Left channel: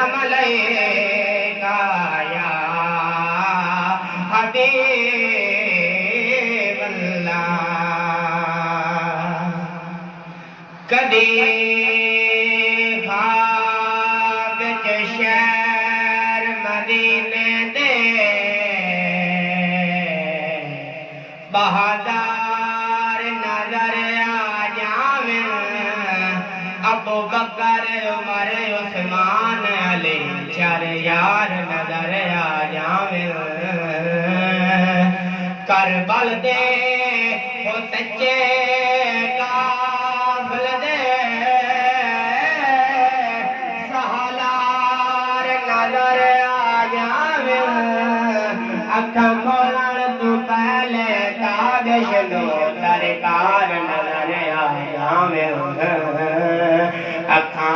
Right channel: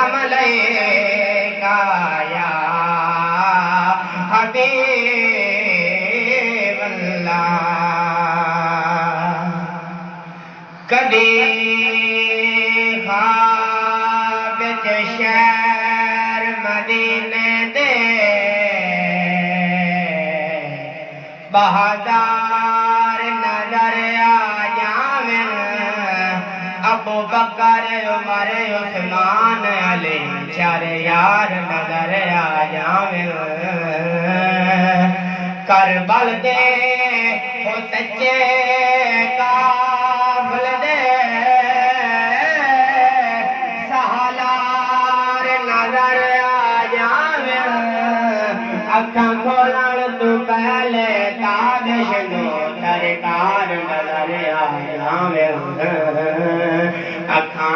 सल्लम अलैका या हबीबल्लाह। कदी ख्वाब च शहर मदीने दे बहादार नजर आ जावे, अबू बकर उमर उस्मान अली चार यार नजर आ जावे। करबल दे हो सच्चे काफिल दे सहलार नजर आ जावे। अखा खोलण तू पहले ताबिश लो सरकार नजर आ जावे। अखा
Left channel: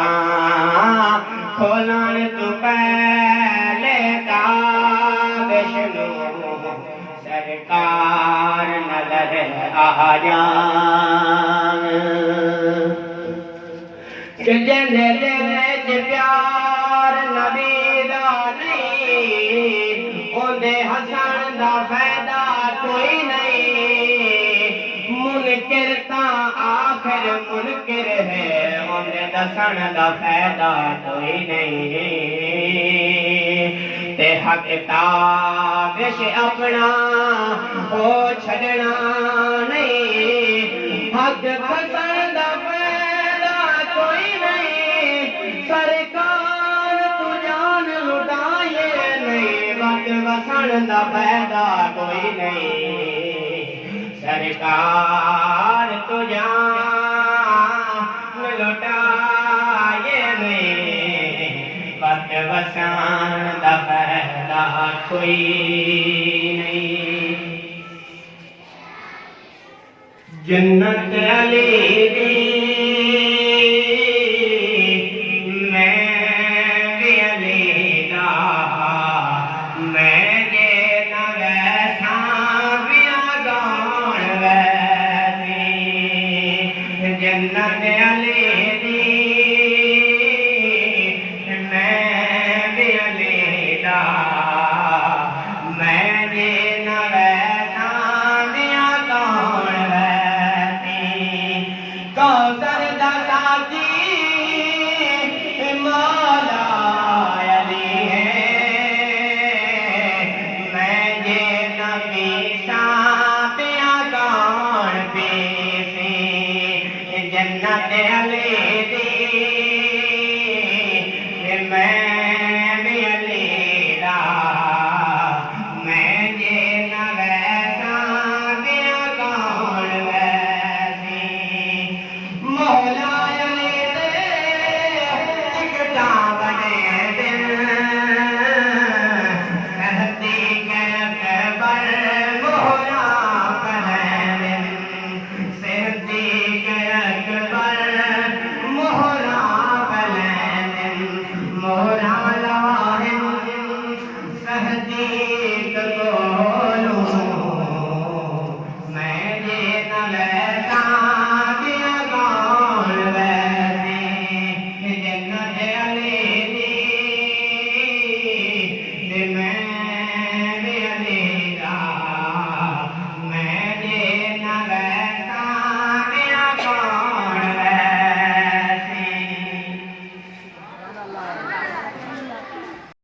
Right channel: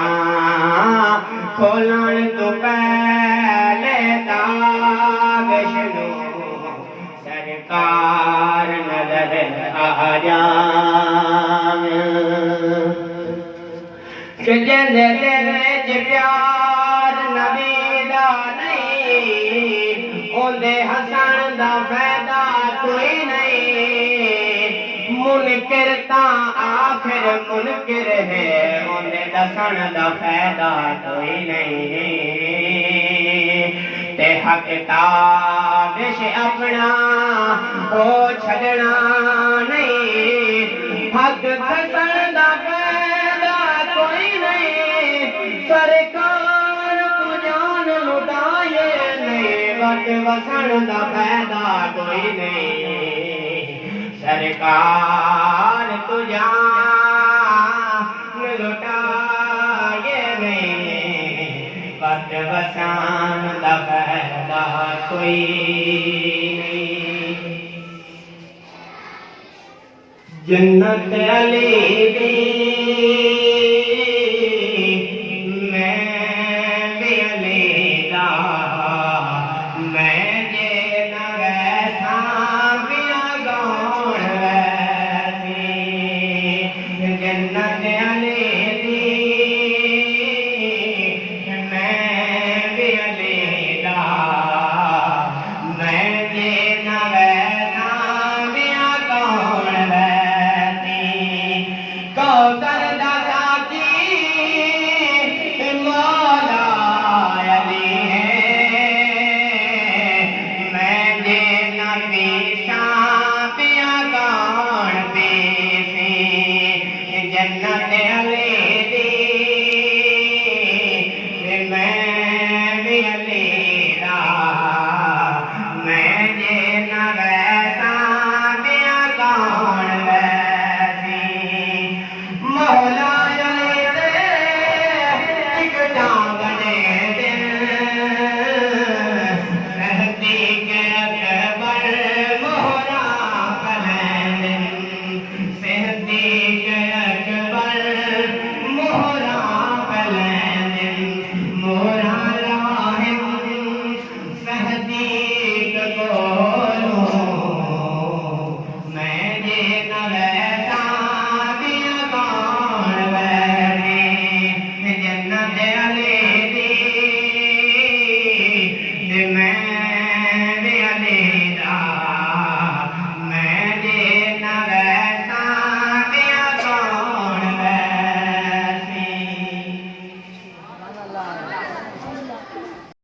खोलण तू पहले ताबिश लो सरकार नजर आ जावे। कि जिंदे दिल च प्यार नबी दा नहीं, ओंदे हसन दा फायदा कोई नहीं। मुनकिर तां आखिर मुनकिर है, ओंदे दसन दा फायदा कोई नहीं। ते हक ताबिश अपना हो छड़ना नहीं, हक दसन दा फायदा कोई नहीं। सरकार तू जान लुटाए नहीं, वत वसन दा फायदा कोई नहीं। सरकार तू जान लुटाए नहीं, वत वसन दा फायदा कोई